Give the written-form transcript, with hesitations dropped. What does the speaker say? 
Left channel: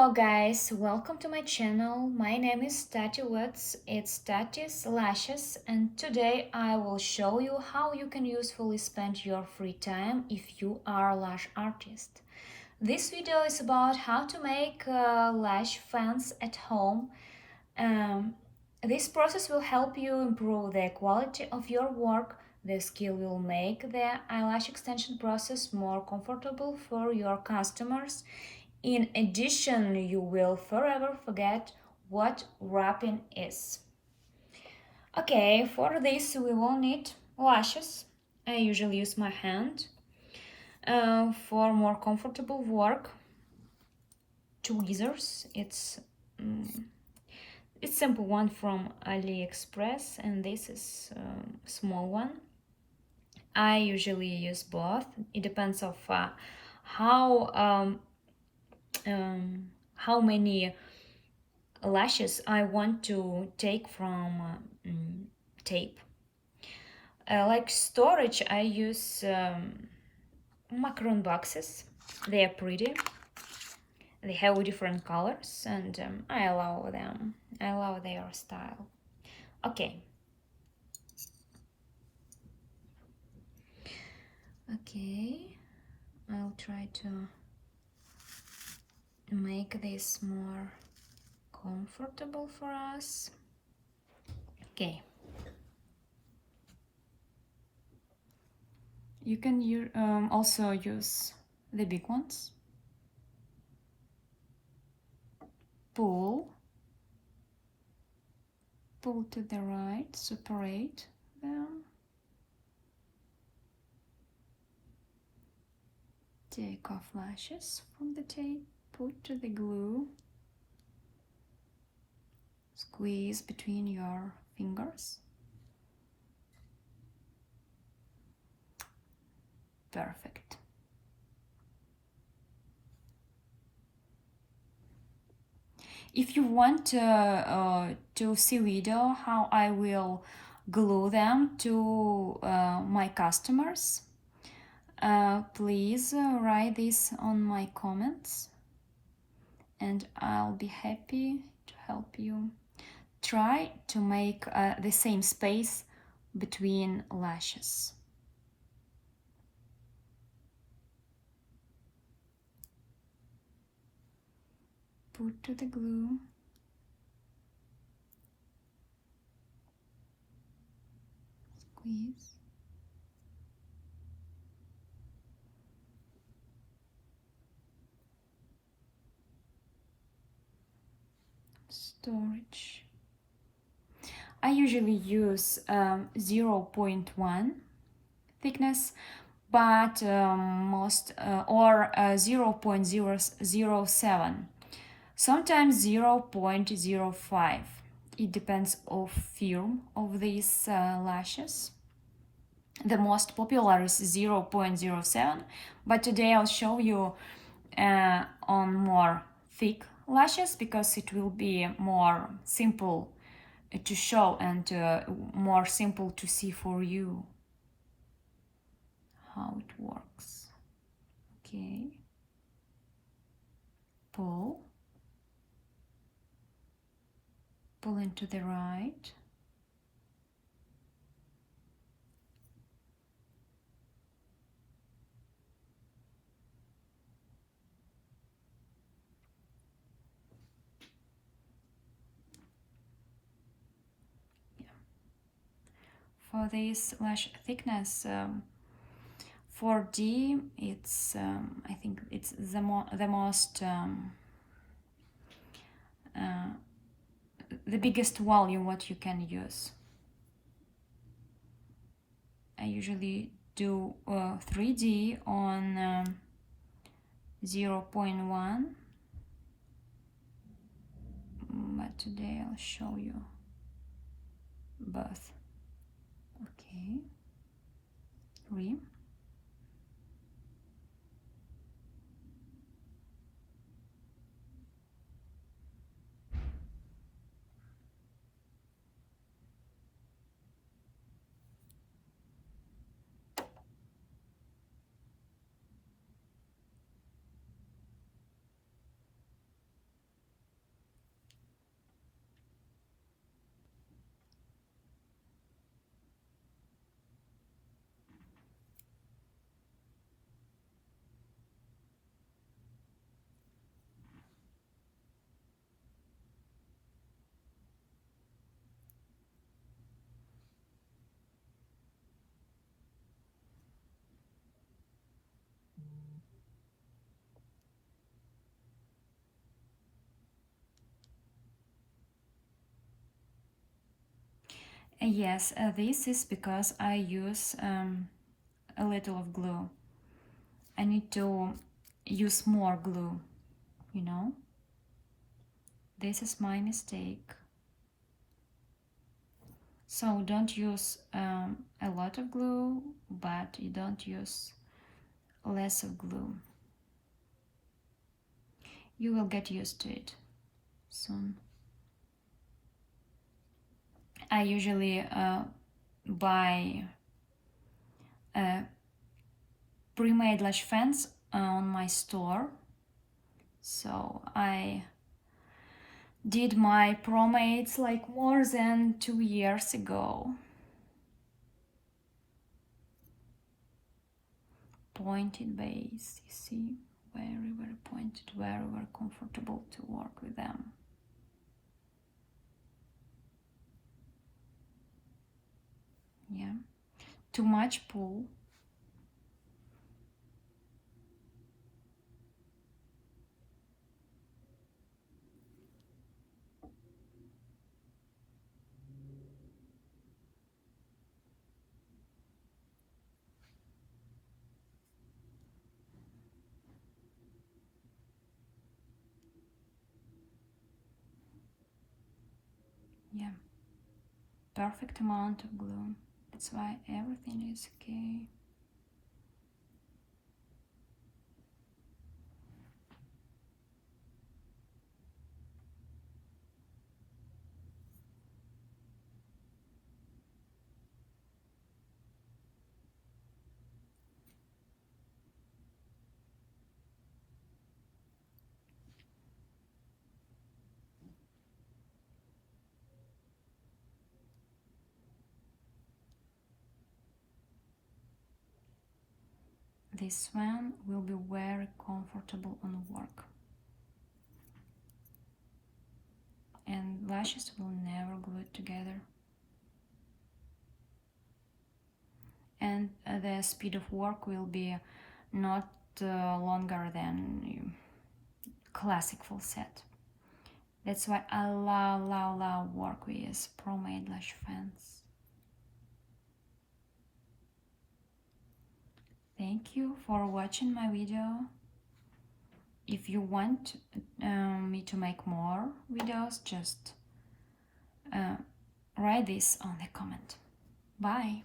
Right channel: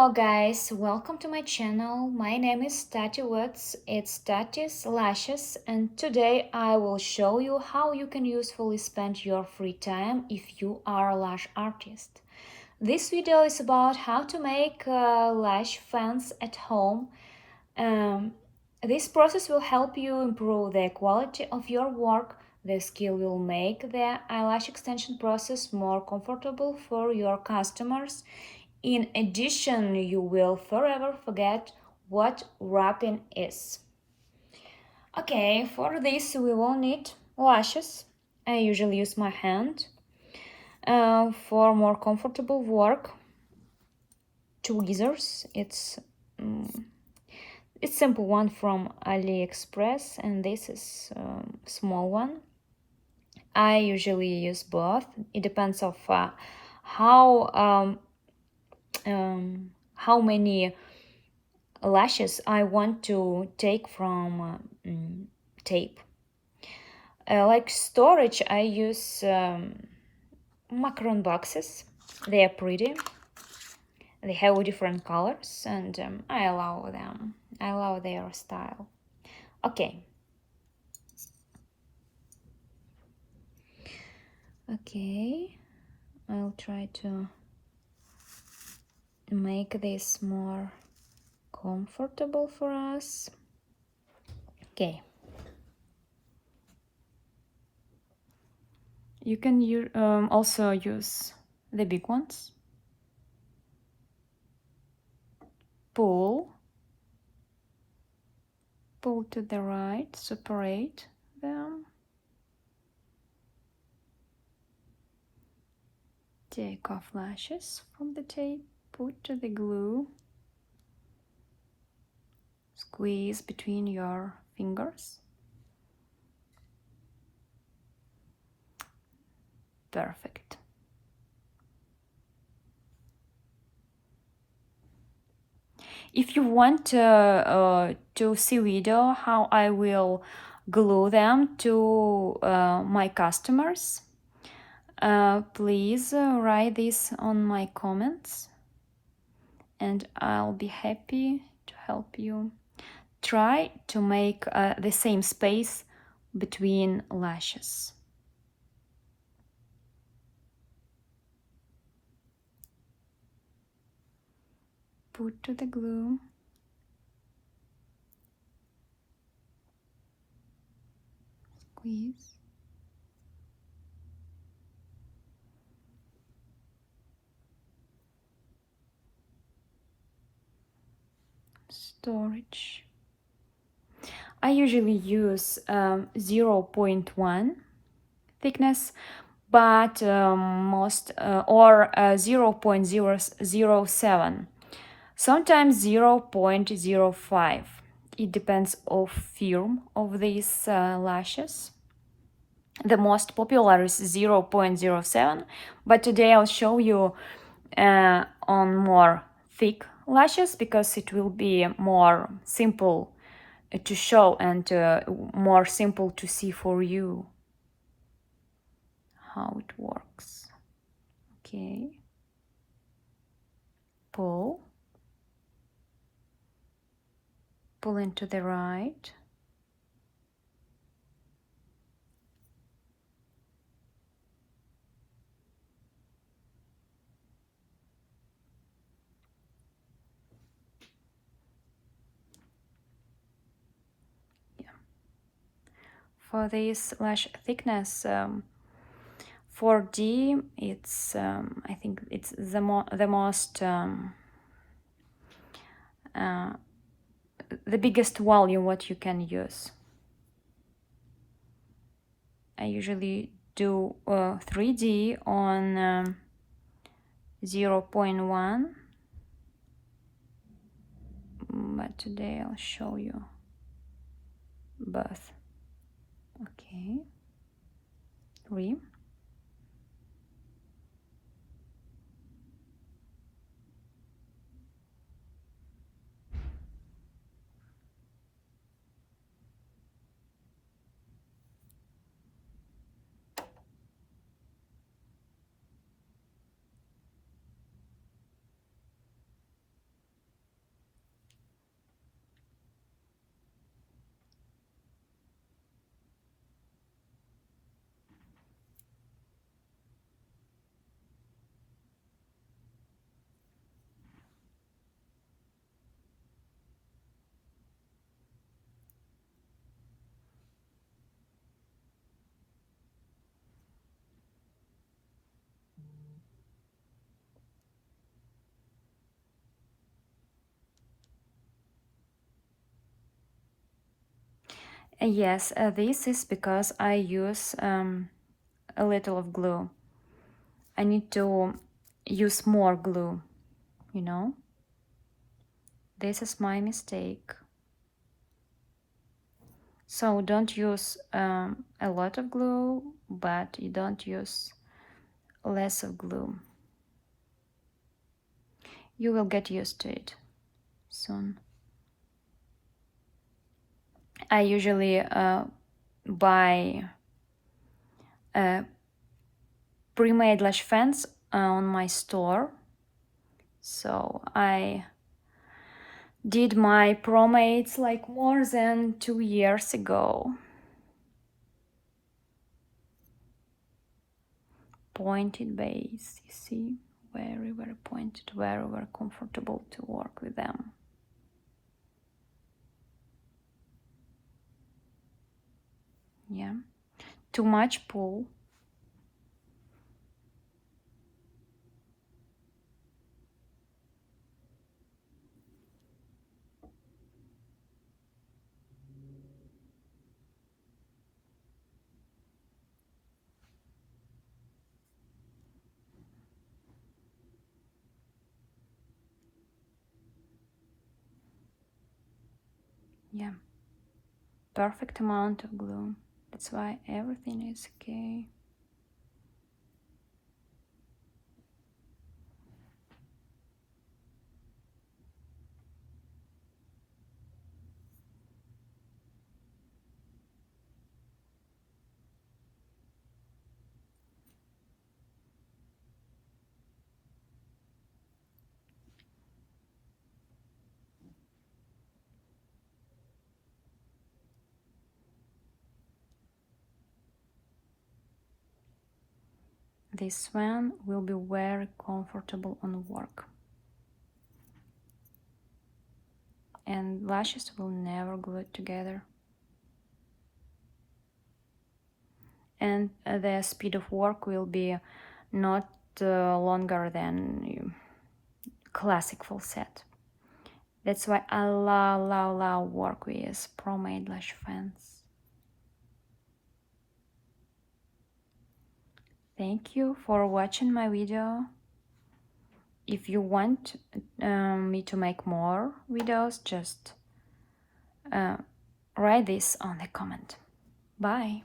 Hello guys, welcome to my channel. My name is Tatty Woods, it's Tatty's Lashes, and today I will show you how you can usefully spend your free time if you are a lash artist. This video is about how to make lash fans at home. This process will help you improve the quality of your work. The skill will make the eyelash extension process more comfortable for your customers. In addition, you will forever forget what wrapping is. Okay, for this we will need lashes. I usually use my hand. For more comfortable work, tweezers. It's simple one from AliExpress, and this is small one. I usually use both. It depends of how many lashes I want to take from tape. Like storage, I use macaron boxes. They are pretty. They have different colors, and I allow them. I allow their style. Okay. Okay, I'll try to make this more comfortable for us. Okay. You can also use the big ones. Pull to the right, separate them. Take off lashes from the tape, put to the glue. Squeeze between your fingers. Perfect. If you want to see video how I will glue them to my customers, please write this on my comments, and I'll be happy to help you. Try to make the same space between lashes. Put to the glue. Squeeze. Storage. I usually use 0.1 thickness, but most or 0.007. Sometimes 0.05. It depends of firm of these lashes. The most popular is 0.07, but today I'll show you on more thick lashes because it will be more simple to show and more simple to see for you how it works. Okay. Pull into the right. For this lash thickness, 4D, it's I think it's the most the biggest volume what you can use. I usually do 3D on 0.1, but today I'll show you both. Okay, 3. Yes, this is because I use a little of glue. I need to use more glue, you know? This is my mistake. So don't use a lot of glue, but you don't use less of glue. You will get used to it soon. I usually buy pre-made lash fans on my store. So I did my pro-mates like more than 2 years ago. Pointed base, you see, very pointed, very comfortable to work with them. Yeah, too much pull. Yeah, perfect amount of glue. That's why everything is okay. This one will be very comfortable on work. And lashes will never glue together. And the speed of work will be not longer than classic full set. That's why I love work with pro-made lash fans. Thank you for watching my video. If you want me to make more videos, just write this on the comment. Bye.